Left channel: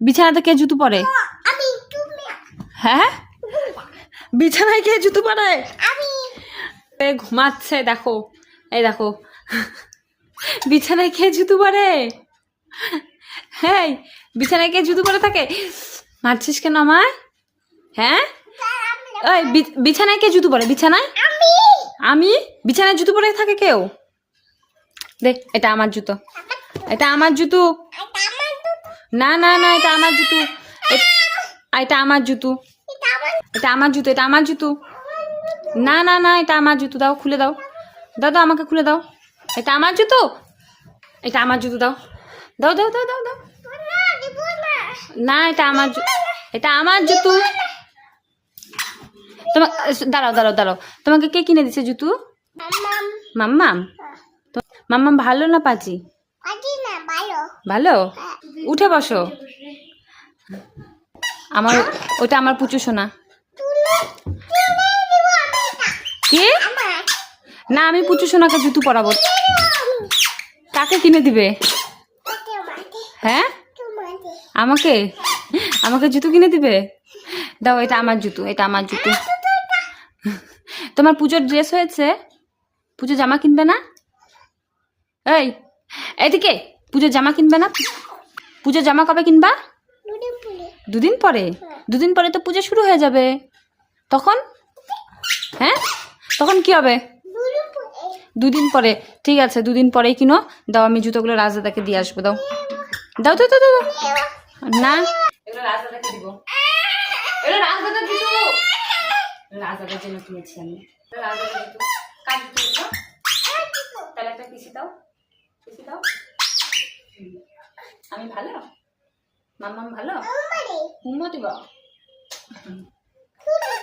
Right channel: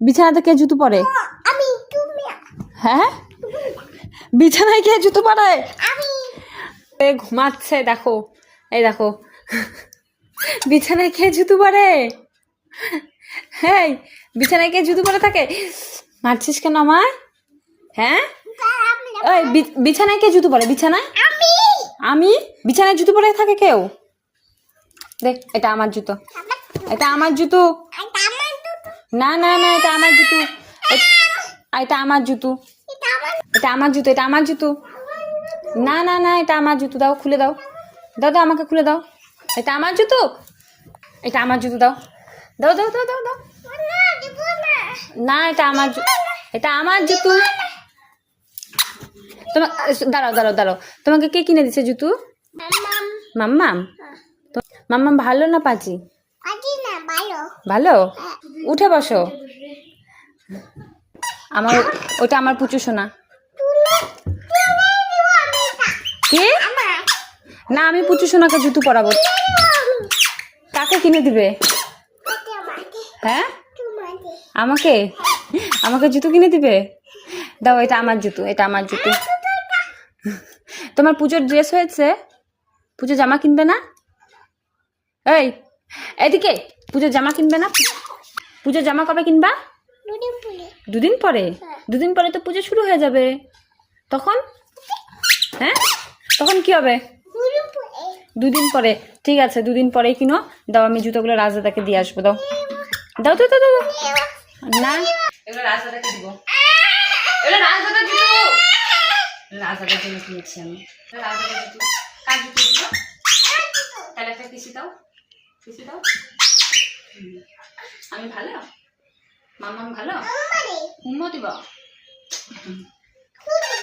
বিছানাতে কে জুতো পরে? হ্যাঁ, বিছানায় কে জুতো পরে? ঘুমাচ্ছে, দেখো, এই দেখো, বিছানায় কে জুতো পরে? হ্যাঁ, বিছানায় কে জুতো পরে থাকে? মারছিস কেন আমায়? হ্যাঁ, ওই বিছানায় কে জুতো পরে? বিছানায় আমি? বিছানায় জুতো পরে থাকে কেউ? দেখ, এটা আমার জুতো, এটা আমার জুতো। না না না, এটা আমার জুতো, এটা আমার জুতো, এটা আমার জুতো, এটা আমার জুতো। না না না, এটা আমার জুতো, দাও, খুলে দাও, দাও দাও, আমাকে খুলে দাও। এটা আমার জুতো, এটা আমার জুতো, দাও দাও দাও দাও দাও দাও। না, এটা আমার, এটা আমার জুতো। তোমার, দাঁড়াও দাঁড়াও দাঁড়াও, তোমাকে কে কিনে দিছে জুতো? মাম্মাম। মাম্মাম ভালো না পাজি? ভালো। উঠে বসো। আমার, ওটা আমার পুচু সোনা। কে? না, আমি পুচু সোনাকে জুতো পরাবো। কাকে কিনে দিবে? হ্যাঁ, আমাকে, আমাকে জুতো কিনে দিবে? দাও, এটা আমার জুতো, এটা আমার জুতো। তোমার পুজোর ড্রেস হয়েছে? পুজোর জামা কিনবে না? এই, এদিকে, পুজোর জামা কিনবে না? পুজোর জামা কবে কিনবা? দুদিন পরে? দুদিন পরে তো পুজো শুরু হয়ে যাবে, তখন? হ্যাঁ, তখন কি হবে? দুদিন পরে, ঠিক আছে, দুদিন পরেই কিনো। দাও, আমি জুতোগুলো রাজদাদাকে দিয়ে আসবো, দাও দাও দাও দাও দাও। না, এগুলো রাজদাদাকে দিব, এগুলো রাজদাদার জুতো, রাজদাদার জন্য কিনেছি আমি। রাজদাদার জুতো, কার জুতো এগুলো? তাহলে একটা পিসি দাও, পিসি দাও। আমি ভালো, মাম্মাম ভালো, হুম্মা দিবা।